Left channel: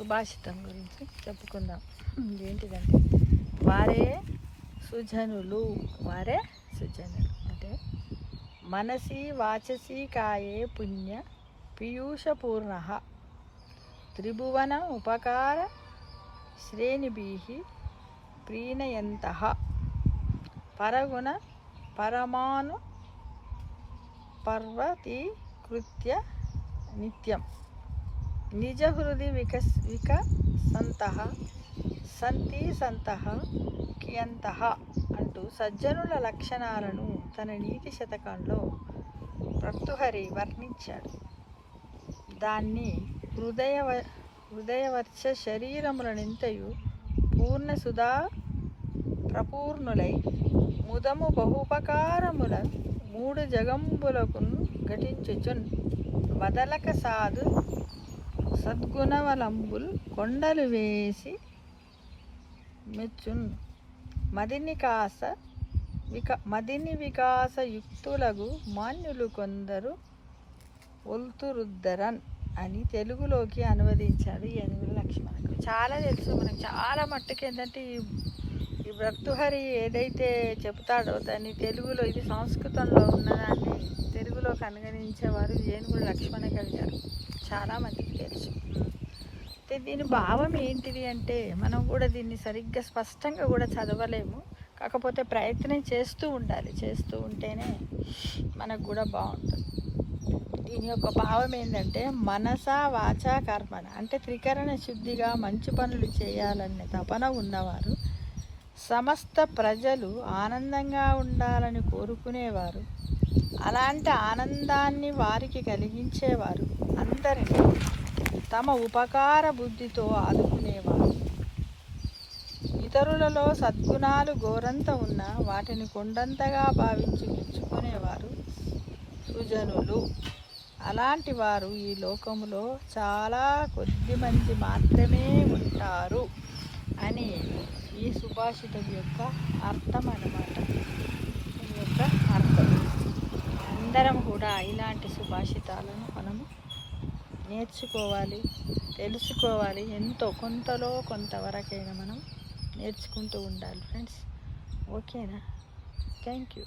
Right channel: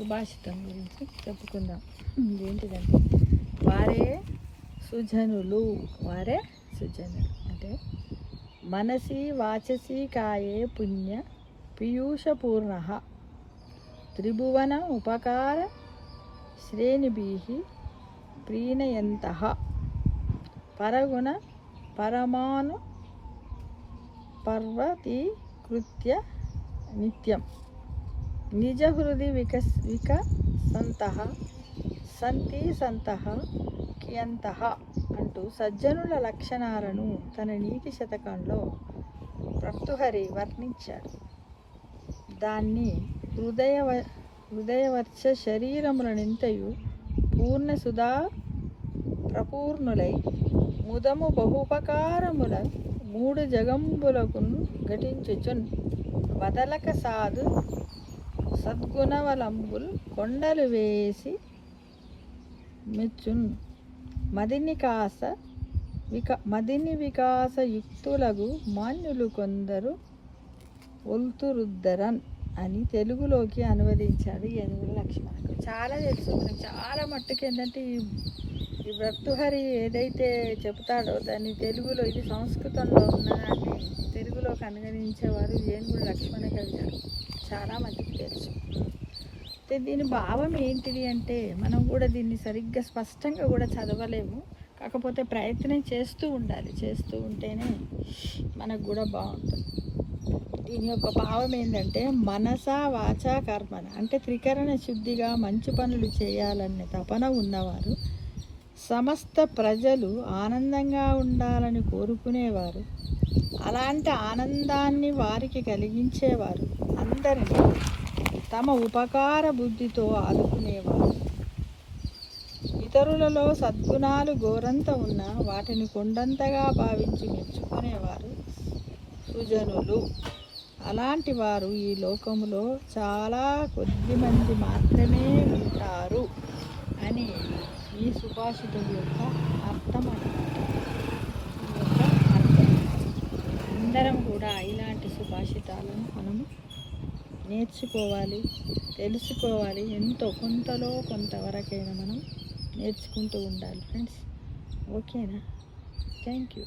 సుభాషితం గురించి చెప్పుకుందాం. ఏంటిదంటే వారే సుజనులు అంటే మనసి వాచసి కాయే పుణ్య పీయూషపూర్ణ త్రిభువన ఉపకార శ్రేణిభిః ప్రీణయంతః పరగుణ పరమాను పర్వతీకృత్య నిత్యం నిజ హృది వికసంతః సంతః కియంతః అంటూ సజ్జనుల లక్షణాలను తన నీతి శతకంలో భర్తృహరి వర్ణించాడు. దాన్ని హృదయవర్చ శరీరములనింతయు పూర్ణ సుధా ప్రపూర్ణులై ముదము బహుపకారముల మూడు జగంబులకును ఘటించుచున్ వదలక సాధు సద్గుణవలంబుల్ కొండలు వేసి మెచ్చున్ మదిని వికాస యుక్తులగు మాన్యులు కొందరు ఒల్తురుద్దరన్ అని తెలుగులోకి అనువదించాడు ఏనుగుల లక్ష్మణకు. చాలా తెలుసు మనకు, చాలా మట్టుకు ఏంటంటే ఈ భర్తృహరి ఏదైతే చెబుతాడో దాన్ని తెలుగులో, ఇది సంస్కృతంలో ఉన్నదాన్ని తెలుగులోకి అనువదించేవారు ఏనుగుల లక్ష్మణ కవి గారు. చాలా మందికి తెలుసు. దీని భావం ఏంటిది అంటే మనం కూడా దీన్ని సరిగ్గా స్పష్టంగా కూడా చదవలేము. కాకపోతే ప్రయత్నం చేస్తూ ఉండాలి. చేస్తూ ఉంటేనే మనకు కూడా బాగుంటుంది. దీని యొక్క భావం ఏంటంటే మనస వాచ కర్మన అంటే త్రికరణ శుద్ధిగా మంచి పనులు చేయాలనే తపన ఉన్నవారు, సమస్త ప్రజలు ఆనందంగా ఉండాలని కోరుకునేవారు, అలాంటి ఆనందాన్ని వారికి కలిగించేవారు, అందరినీ తమ ఉపకార బుద్ధితో ఆదుకునేవారు, ఇతరులలో సద్గుణాలు గోరంత ఉన్నా వాటిని కొండంతగా భావించి మెచ్చుకునేవారు సుజనులు. అలాంటి వారు ఈ లోకములో చాలా కొద్ది మంది మాత్రమే ఉంటారు అని ఈ సుభాషితం యొక్క అర్థం అన్నమాట. అందరం కూడా ఇలాంటి సుభాషితాలను మనము నేర్చుకోవాలి, తెలుసుకోవాలి. ఎంతో కొంతలో కొంతవరకైనా మనం నేర్చుకుంటూ ఉండాలి ఫ్రెండ్స్. ఓకేనా? Thank you.